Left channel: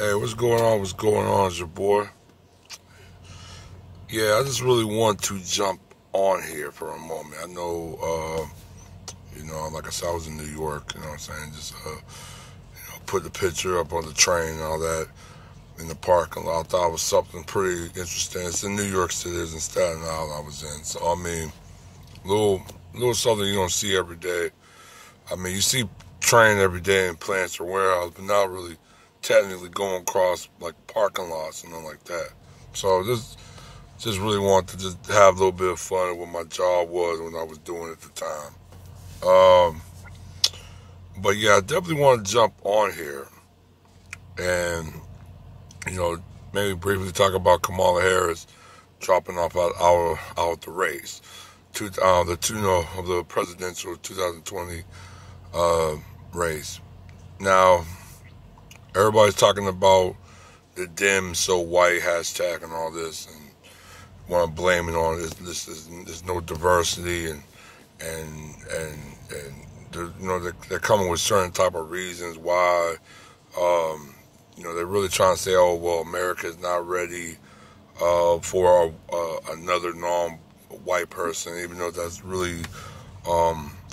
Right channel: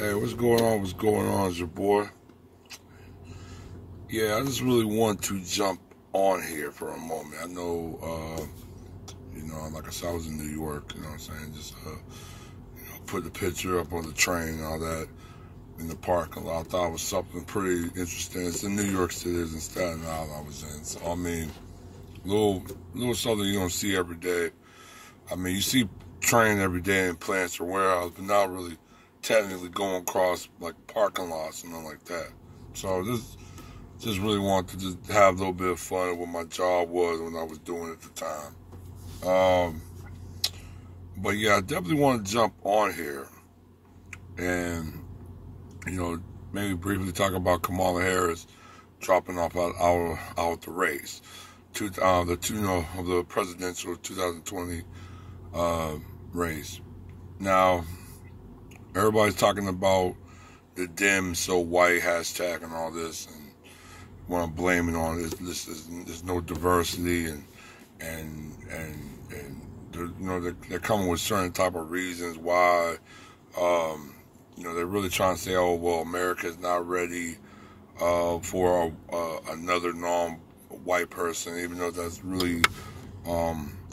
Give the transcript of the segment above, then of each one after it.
Hey, what's going on? What's going on? It's your boy. Yeah, I just really want to jump on here for a moment. I know, like I said, I was in New York. You know what I'm saying? Just, put the picture up on the train and all that in the parking lot. I thought it was something pretty interesting. It's in New York City, it's in Staten Island I was in. So I mean, little, little something you don't see every day. I mean, you see train every day in plants or warehouses, but not really technically going across like parking lots and nothing like that. So just really wanted to just have a little bit of fun at what my job was when I was doing it at the time. But yeah, I definitely want to jump on here and you know maybe briefly talk about Kamala Harris dropping off out the race, of the presidential 2020 uh, race. Now everybody's talking about the dim so white hashtag and all this, and want to blame it on there's no diversity and they're coming with certain type of reasons why. They're really trying to say, oh well, America is not ready for another non-white person, even though that's really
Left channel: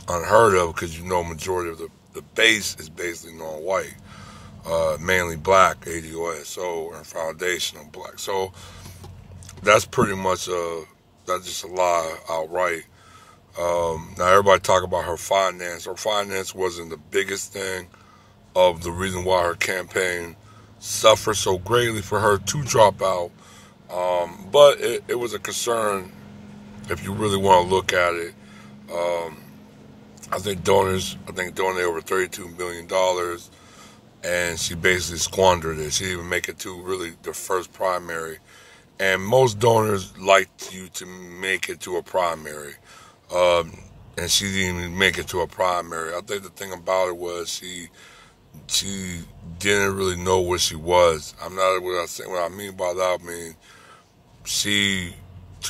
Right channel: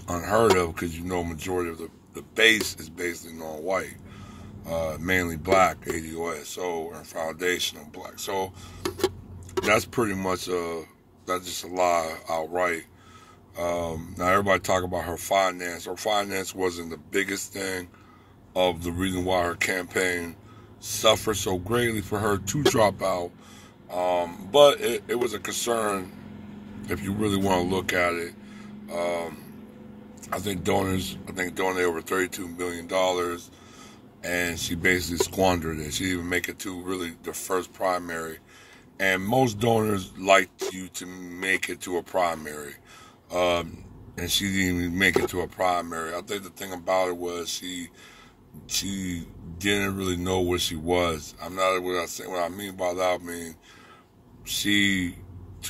unheard of because majority of the base is basically non-white, mainly black, ADOS, so and foundational black. So that's pretty much that's just a lie outright. Now everybody talk about her finance. Her finance wasn't the biggest thing of the reason why her campaign suffered so greatly for her to drop out. But it was a concern if you really want to look at it. Um, I think donated over $32 million, and she basically squandered it. She didn't even make it to really the first primary. And most donors like you to make it to a primary. And she didn't even make it to a primary. I think the thing about it was she didn't really know what she was. I'm not what I mean by that. I mean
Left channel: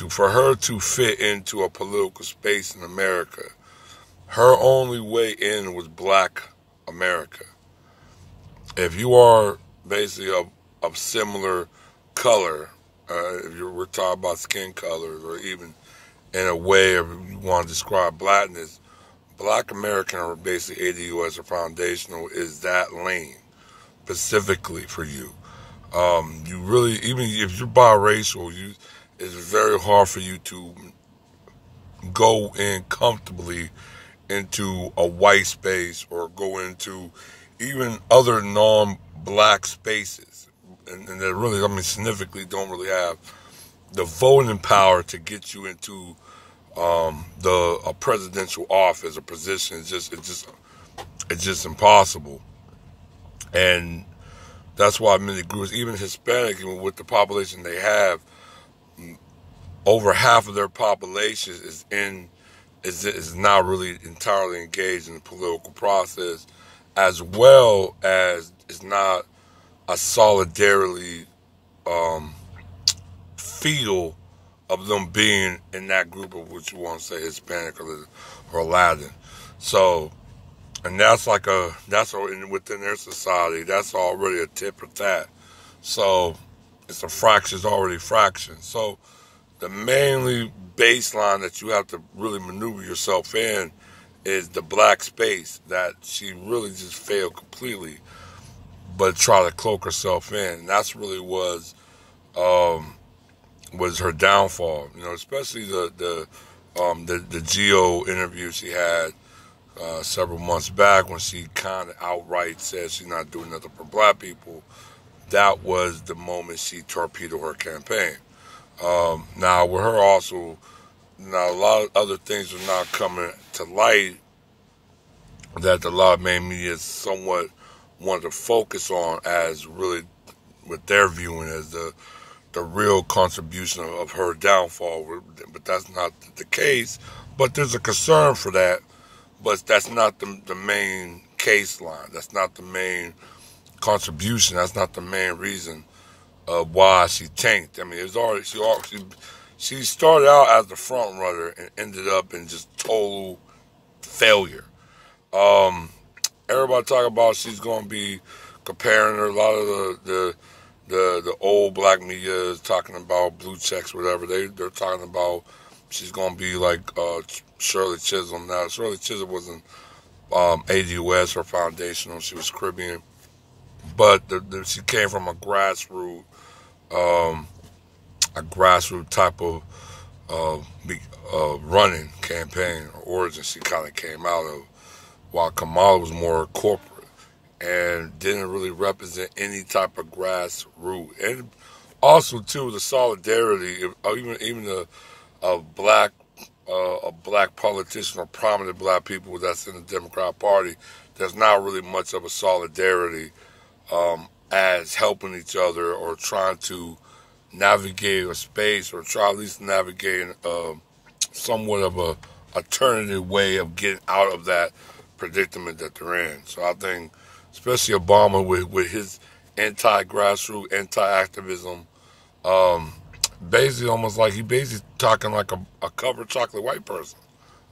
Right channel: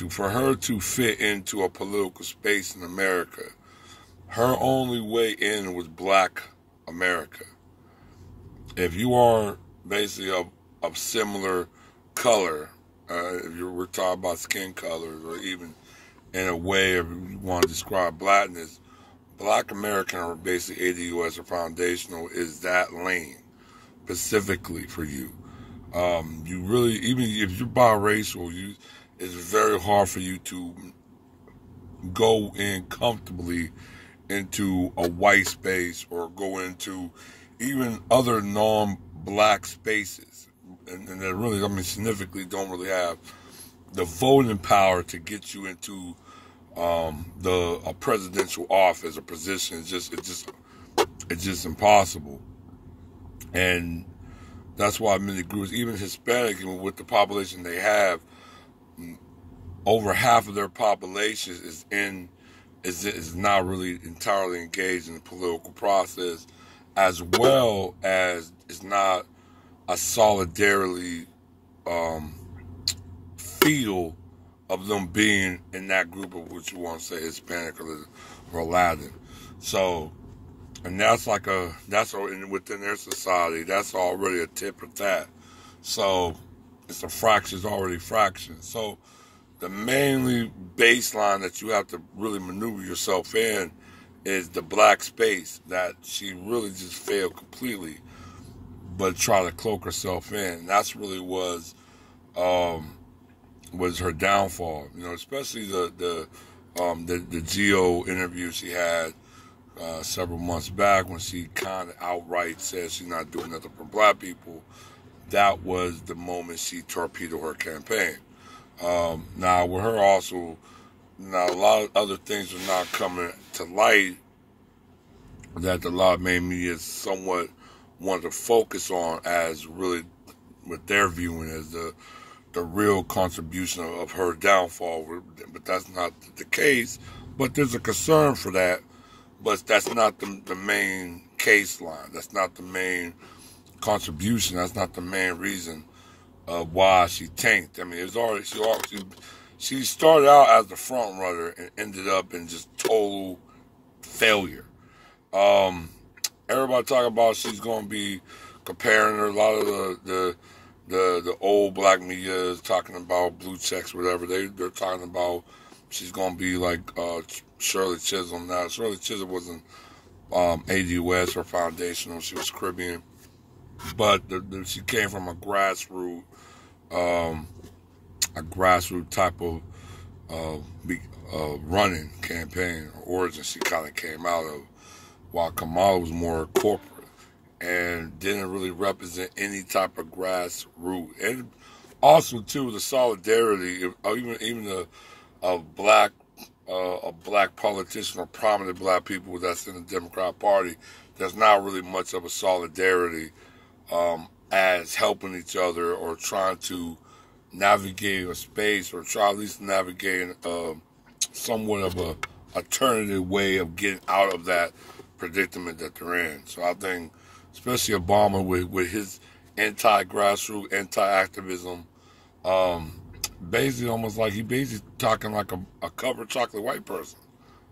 for her to fit into a political space in America, her only way in was Black America. If you are basically of similar color, we're talking about skin colors, or even in a way, if you want to describe blackness, Black American, or basically ADU as a foundational, is that lane specifically for you. You really, even if you're biracial, it's very hard for you to go in comfortably into a white space or go into even other non-black spaces. And they really, significantly don't really have the voting power to get you into a presidential office or position. It's just impossible. And that's why many groups, even Hispanic, with the population they have, over half of their population is not really entirely engaged in the political process, as well as it's not a solidarity feel of them being in that group of what you want to say Hispanic or Latin. So, and within their society, that's already a tip for that. So it's already a fraction. So the mainly baseline that you have to really maneuver yourself in is the black space that she really just failed completely, but try to cloak herself in. And that's really was her downfall. Especially the Geo interview she had several months back when she kind of outright said she's not doing nothing for black people. That was the moment she torpedoed her campaign. Now with her also, now a lot of other things are now coming to light that a lot of main media somewhat want to focus on as really what they're viewing as the real contribution of her downfall, but that's not the case. But there's a concern for that, but that's not the main case line. That's not the main contribution. That's not the main reason of why she tanked. I mean, she started out as the front runner and ended up in just total failure. Everybody talking about she's going to be comparing her. A lot of the old black media is talking about blue checks, whatever. They're talking about she's gonna be like Shirley Chisholm. Now Shirley Chisholm wasn't ADOS or foundational. She was Caribbean, but she came from um, a grassroots type of running campaign or origin. She kind of came out of, while Kamala was more corporate and didn't really represent any type of grassroots. And also too the solidarity, even a black politician or prominent black people that's in the Democrat Party, there's not really much of a solidarity as helping each other or trying to navigate a space or try at least navigate somewhat of a alternative way of getting out of that predicament that they're in. So I think, especially Obama with his anti-grassroots, anti-activism, basically almost like he basically talking like a covered chocolate white person.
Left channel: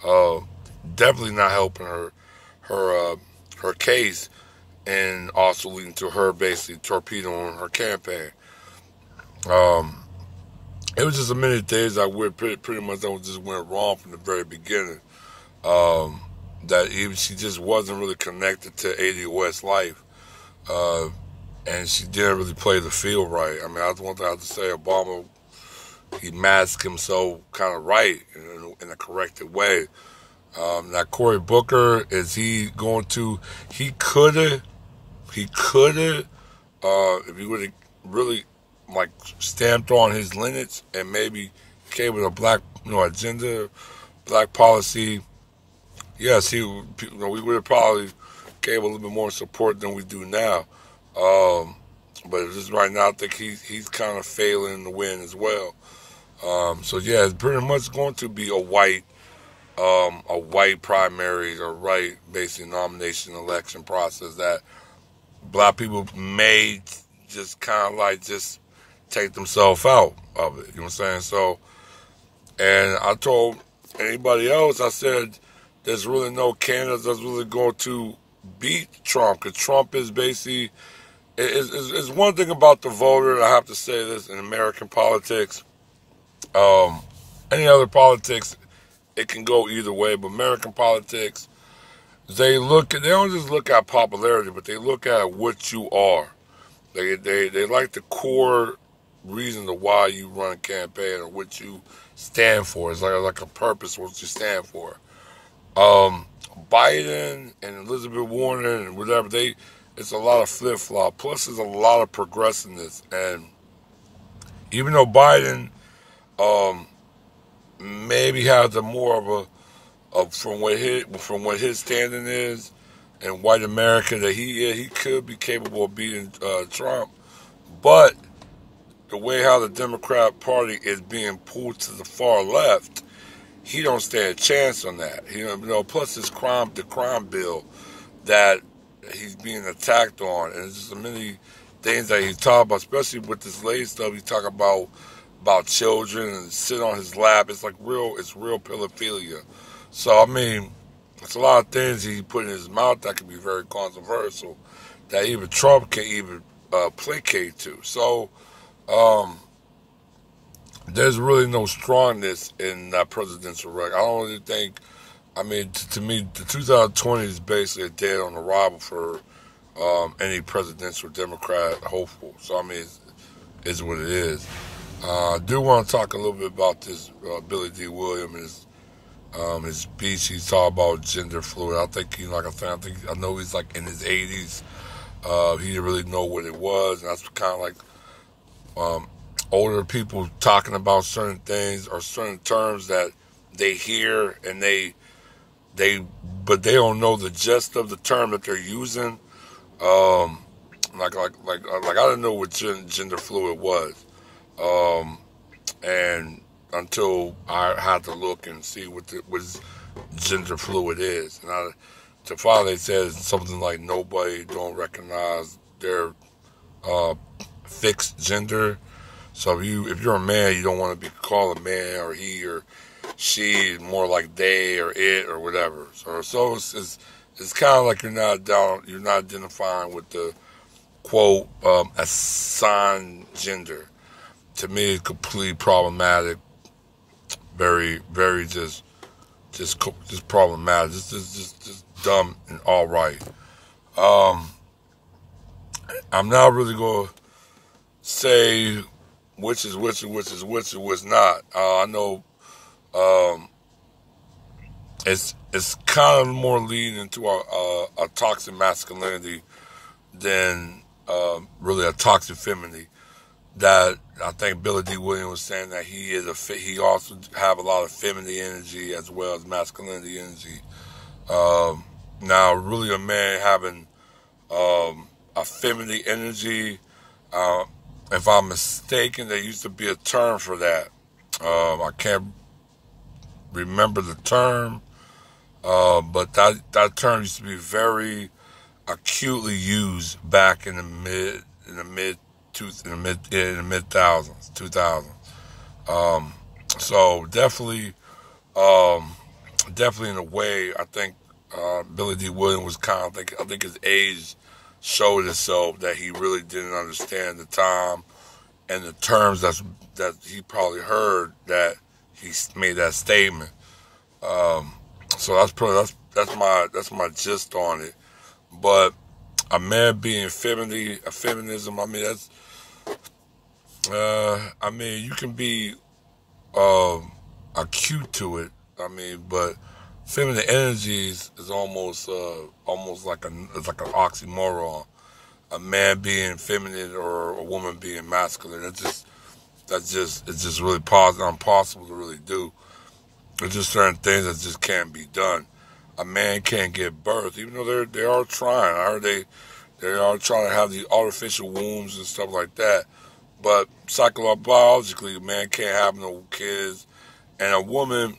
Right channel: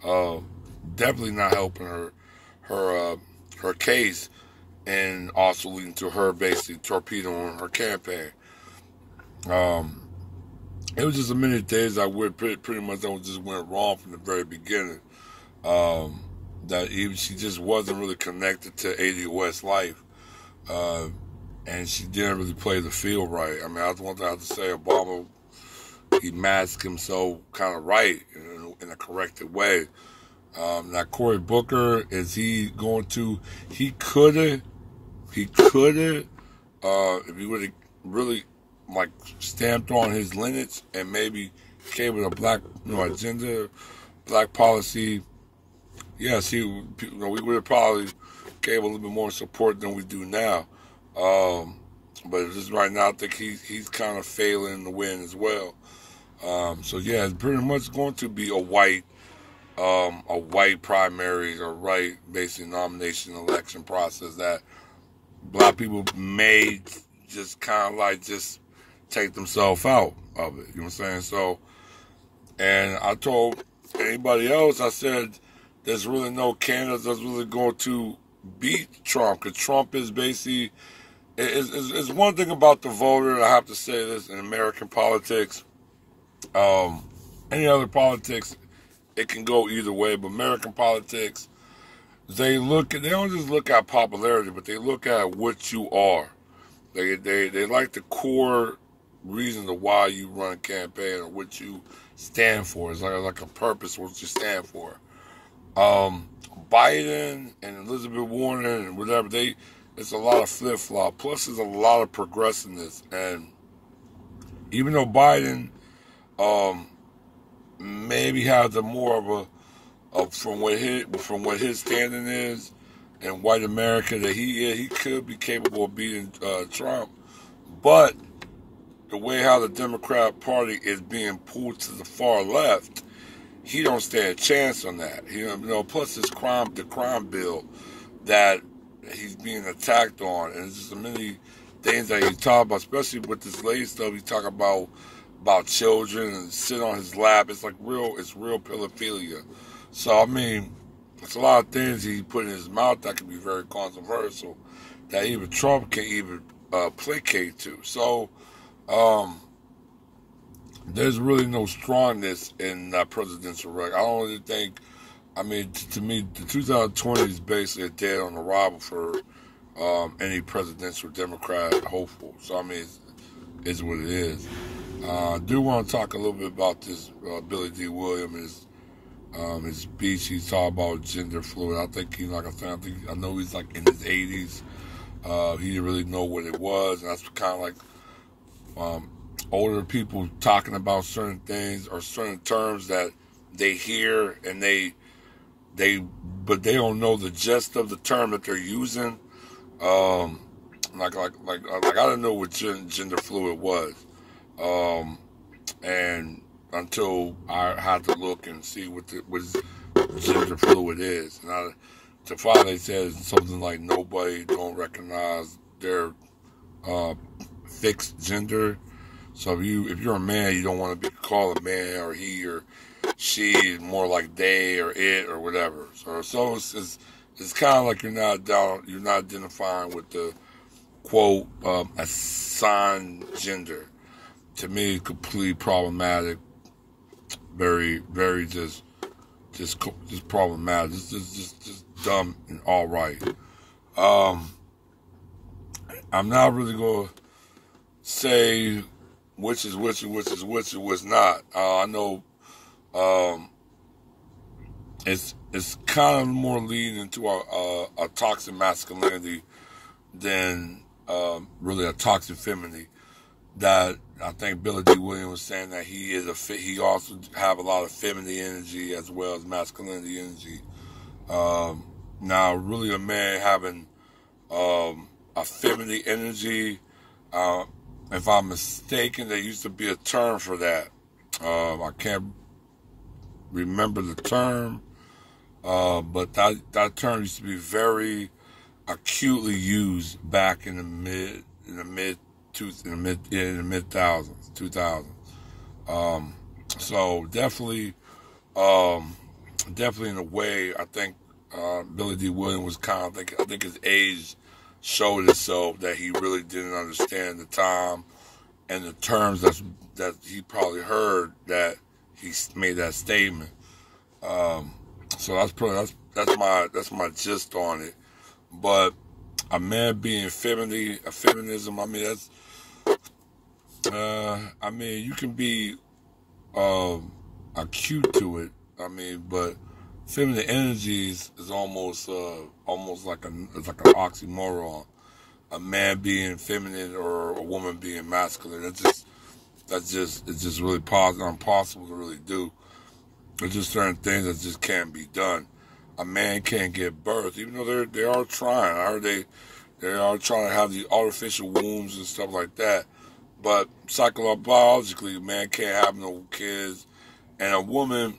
Uh, Definitely not helping her case, and also leading to her basically torpedoing her campaign. Um, it was just a many things I would pretty much that just went wrong from the very beginning. Um, that even she just wasn't really connected to ADOS life, uh, and she didn't really play the field right. I mean, that's one thing I have to say. Obama, he masked himself kind of right in a corrected way. Now Cory Booker, is he going to? He could have, if he would have really like stamped on his lineage and maybe came with a black, agenda, black policy. Yes, we would have probably gave a little bit more support than we do now. But just right now, I think he's kind of failing to win as well. So yeah, it's pretty much going to be a white primaries or white basically nomination election process that black people may just kind of like just take themselves out of it. You know what I'm saying? So, and I told anybody else, I said, there's really no candidate that's really going to beat Trump, because Trump is basically, it's one thing about the voter, and I have to say this, in American politics, any other politics, it can go either way, but American politics, they don't just look at popularity, but they look at what you are. They like the core reason of why you run a campaign or what you stand for. It's like a purpose, what you stand for. Biden and Elizabeth Warren and whatever, it's a lot of flip flop. Plus, there's a lot of progressiveness. And even though Biden maybe has a more of from what his standing is in white America, that he could be capable of beating Trump, but the way how the Democrat Party is being pulled to the far left, he don't stand a chance on that. Plus the crime bill that he's being attacked on, and there's just so many things that he talk about, especially with this latest stuff. He talk about children and sit on his lap. It's real pedophilia. So I mean, it's a lot of things he put in his mouth that can be very controversial, that even Trump can't even placate to. So there's really no strongness in that presidential record. I don't really think. I mean, to me, the 2020 is basically a dead on arrival for any presidential Democrat hopeful. So I mean, it's what it is. I do want to talk a little bit about this Billy D. Williams and his speech. He's talking about gender fluid. I think I know he's like in his 80s. He didn't really know what it was, and that's kind of like older people talking about certain things or certain terms that they hear and but they don't know the gist of the term that they're using. Like I didn't know what gender fluid was. And until I had to look and see what gender fluid is. And to finally says something like nobody don't recognize their fixed gender. So if you're a man, you don't want to be called a man or he or she, more like they or it or whatever. So it's kind of like you're not identifying with the quote assigned gender. To me, it's completely problematic. Very, very just problematic. Just dumb and all right. Um, I'm not really gonna say which is which and which is which and what's not. I know um, it's kind of more leading into a toxic masculinity than really a toxic femininity. That I think Billy D. Williams was saying that he also have a lot of feminine energy as well as masculinity energy. Now, really, a man having a feminine energy. Uh, if I'm mistaken, there used to be a term for that. I can't remember the term, but that term used to be very acutely used back in the mid thousands, 2000. Um, so um, definitely in a way, I think Billy D. Williams was I think his age showed itself that he really didn't understand the time and the terms that he probably heard that he made that statement. Um, so that's my gist on it. But a man being feminism, I mean I mean you can be um, acute to it. I mean, but feminine energies is almost like it's like an oxymoron. A man being feminine or a woman being masculine. It's just really impossible to really do. There's just certain things that just can't be done. A man can't give birth, even though they are trying. I heard they are trying to have these artificial wombs and stuff like that. But biologically, a man can't have no kids, and a woman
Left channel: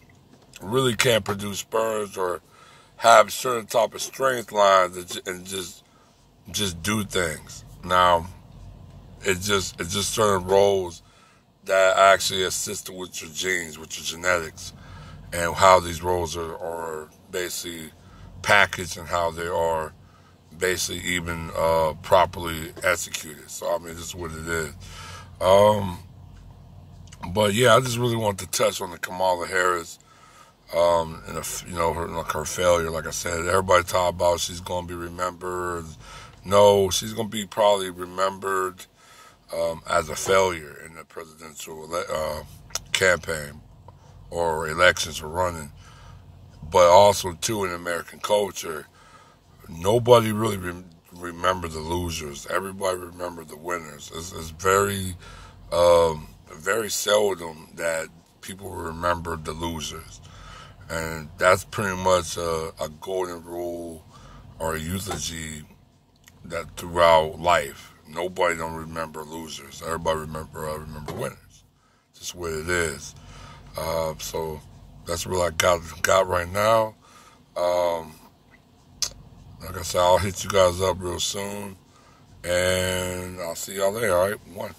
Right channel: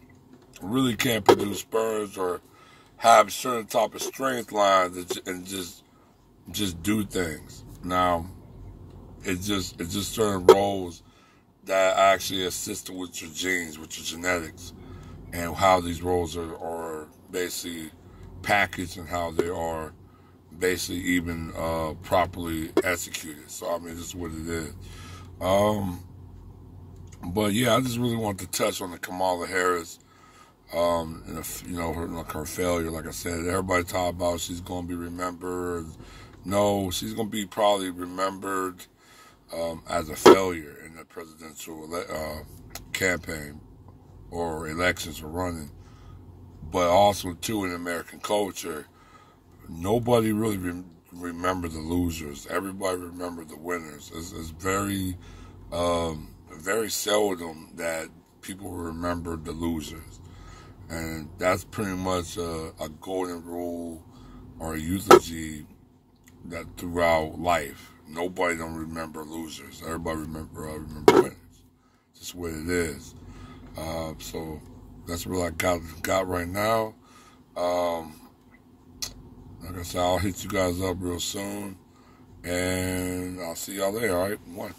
really can't produce sperms or have certain type of strength lines and just do things. Now, it's just certain roles that actually assist with your genes, with your genetics, and how these roles are basically packaged and how they are basically even properly executed. So I mean, this is what it is. Um, but yeah, I just really want to touch on the Kamala Harris, and her failure. Like I said, everybody talk about she's going to be remembered. No, she's going to be probably remembered as a failure in the presidential campaign or elections or running. But also too in American culture, nobody really remember the losers. Everybody remember the winners. It's very seldom that people remember the losers, and that's pretty much a golden rule or a eulogy that throughout life, nobody don't remember losers. Everybody remember winners. Just what it is. So that's what I got right now. Um, like I said, I'll hit you guys up real soon, and I'll see y'all later. All right, one.